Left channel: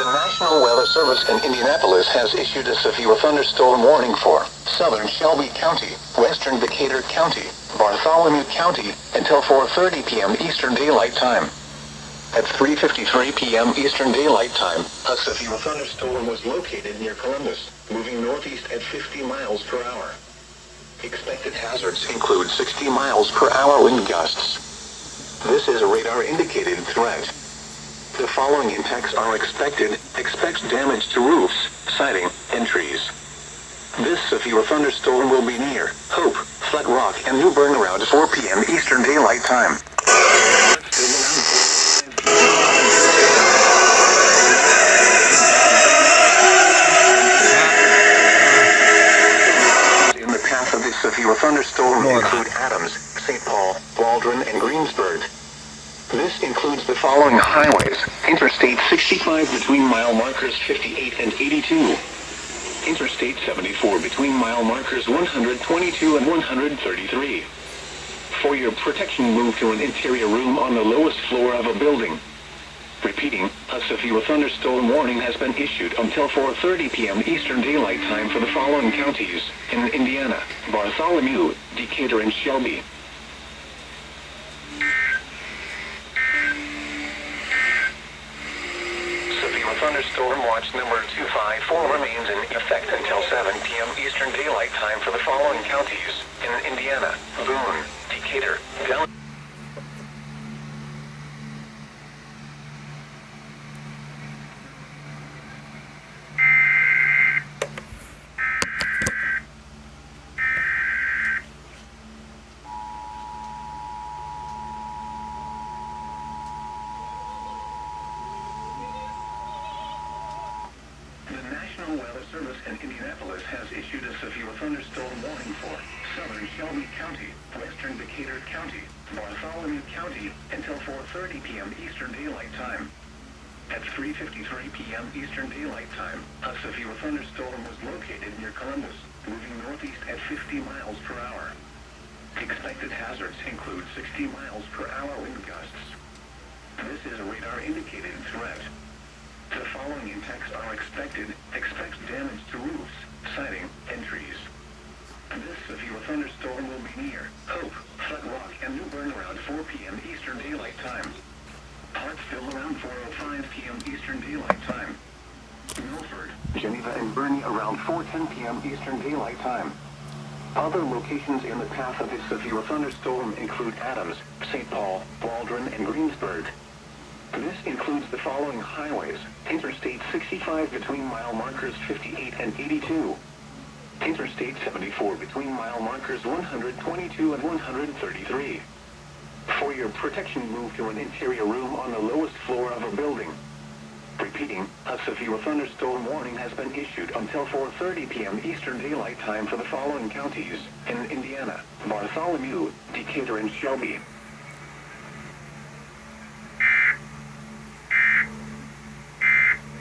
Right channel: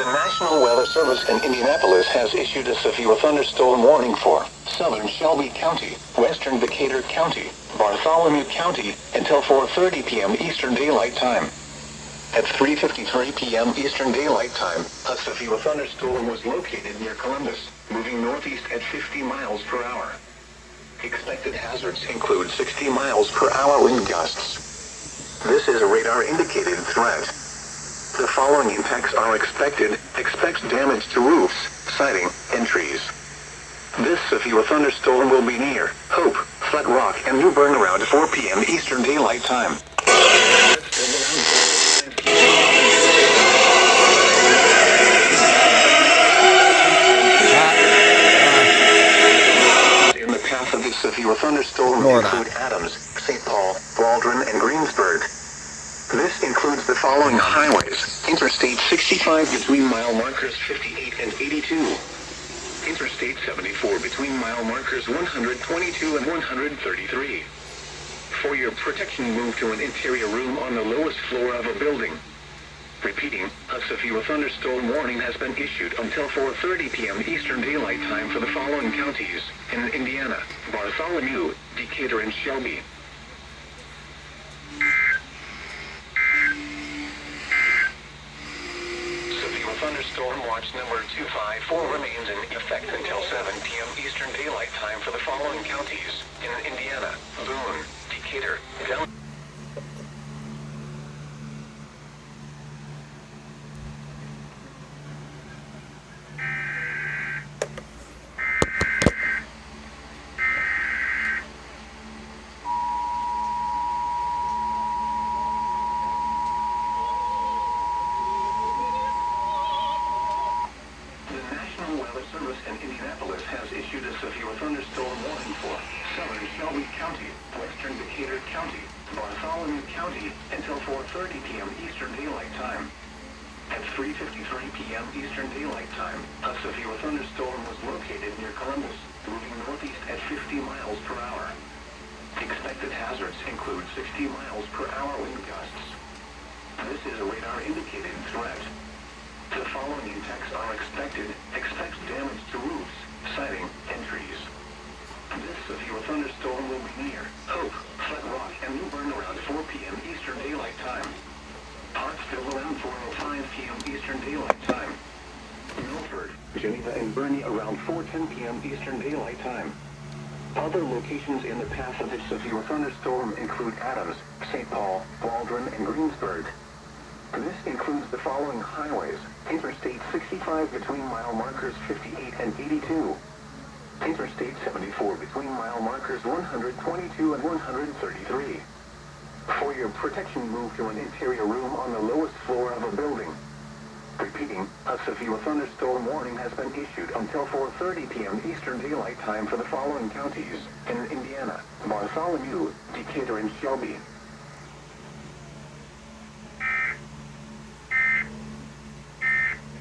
The National Weather Service in Indianapolis has issued a severe thunderstorm warning for southern Shelby County, western Decatur County, Bartholomew County, until 4:30 p.m. Eastern Daylight Time. At 3:53 p.m. Eastern Daylight Time, a severe thunderstorm was located near Columbus, moving northeast at 50 miles per hour. Expected hazards include 60 miles per hour wind gusts. This is a radar-indicated threat. The following impacts are expected. Expect damage to roofs, siding, and trees. This severe thunderstorm will be near Hope, Flat Rock, and New Bern around 4 p.m. Eastern Daylight Time. In the path of this severe thunderstorm include Adams, St. Paul, Waldron, and Greensburg. This includes the following highways: Interstate 65 between mile markers 58 and 82. Interstate 74 between mile markers 122 and 133. For your protection, move to an interior room on the lowest floor of a building. Repeating, a severe thunderstorm warning has been issued until 4:30 p.m. Eastern Daylight Time for the following counties in Indiana: Bartholomew, Decatur, and Shelby. Thunderstorm watch number 254 remains in effect until 7 p.m. Eastern Daylight Time for the following counties in Indiana: Boone, Decatur, Delaware. The National Weather Service in Indianapolis has issued a severe thunderstorm warning for southern Shelby County, western Decatur County, Bartholomew County, until 4:30 p.m. Eastern Daylight Time. At 3:53 p.m. Eastern Daylight Time, a severe thunderstorm was located near Columbus, moving northeast at 50 miles per hour. Expected hazards include 60 miles per hour wind gusts. This is a radar-indicated threat. The following impacts are expected. Expect damage to roofs, siding, and trees. This severe thunderstorm will be near Hope, Flat Rock, and New Bern around 4 p.m. Eastern Daylight Time. Hartsville around 4:05 p.m. Eastern Daylight Time. Milford, Geneva, and Bernie around 4:10 p.m. Eastern Daylight Time. Other locations in the path of this severe thunderstorm include Adams, St. Paul, Waldron, and Greensburg. This includes the following highways: Interstate 65 between mile markers 58 and 82. Interstate 74 between mile markers 122 and 133. For your protection, move to an interior room on the lowest floor of a building. Repeating, a severe thunderstorm warning has been issued until 4:30 p.m. Eastern Daylight Time for the following counties in Indiana: Bartholomew, Decatur, and Shelby.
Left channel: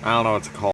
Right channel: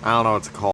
I don't know what to call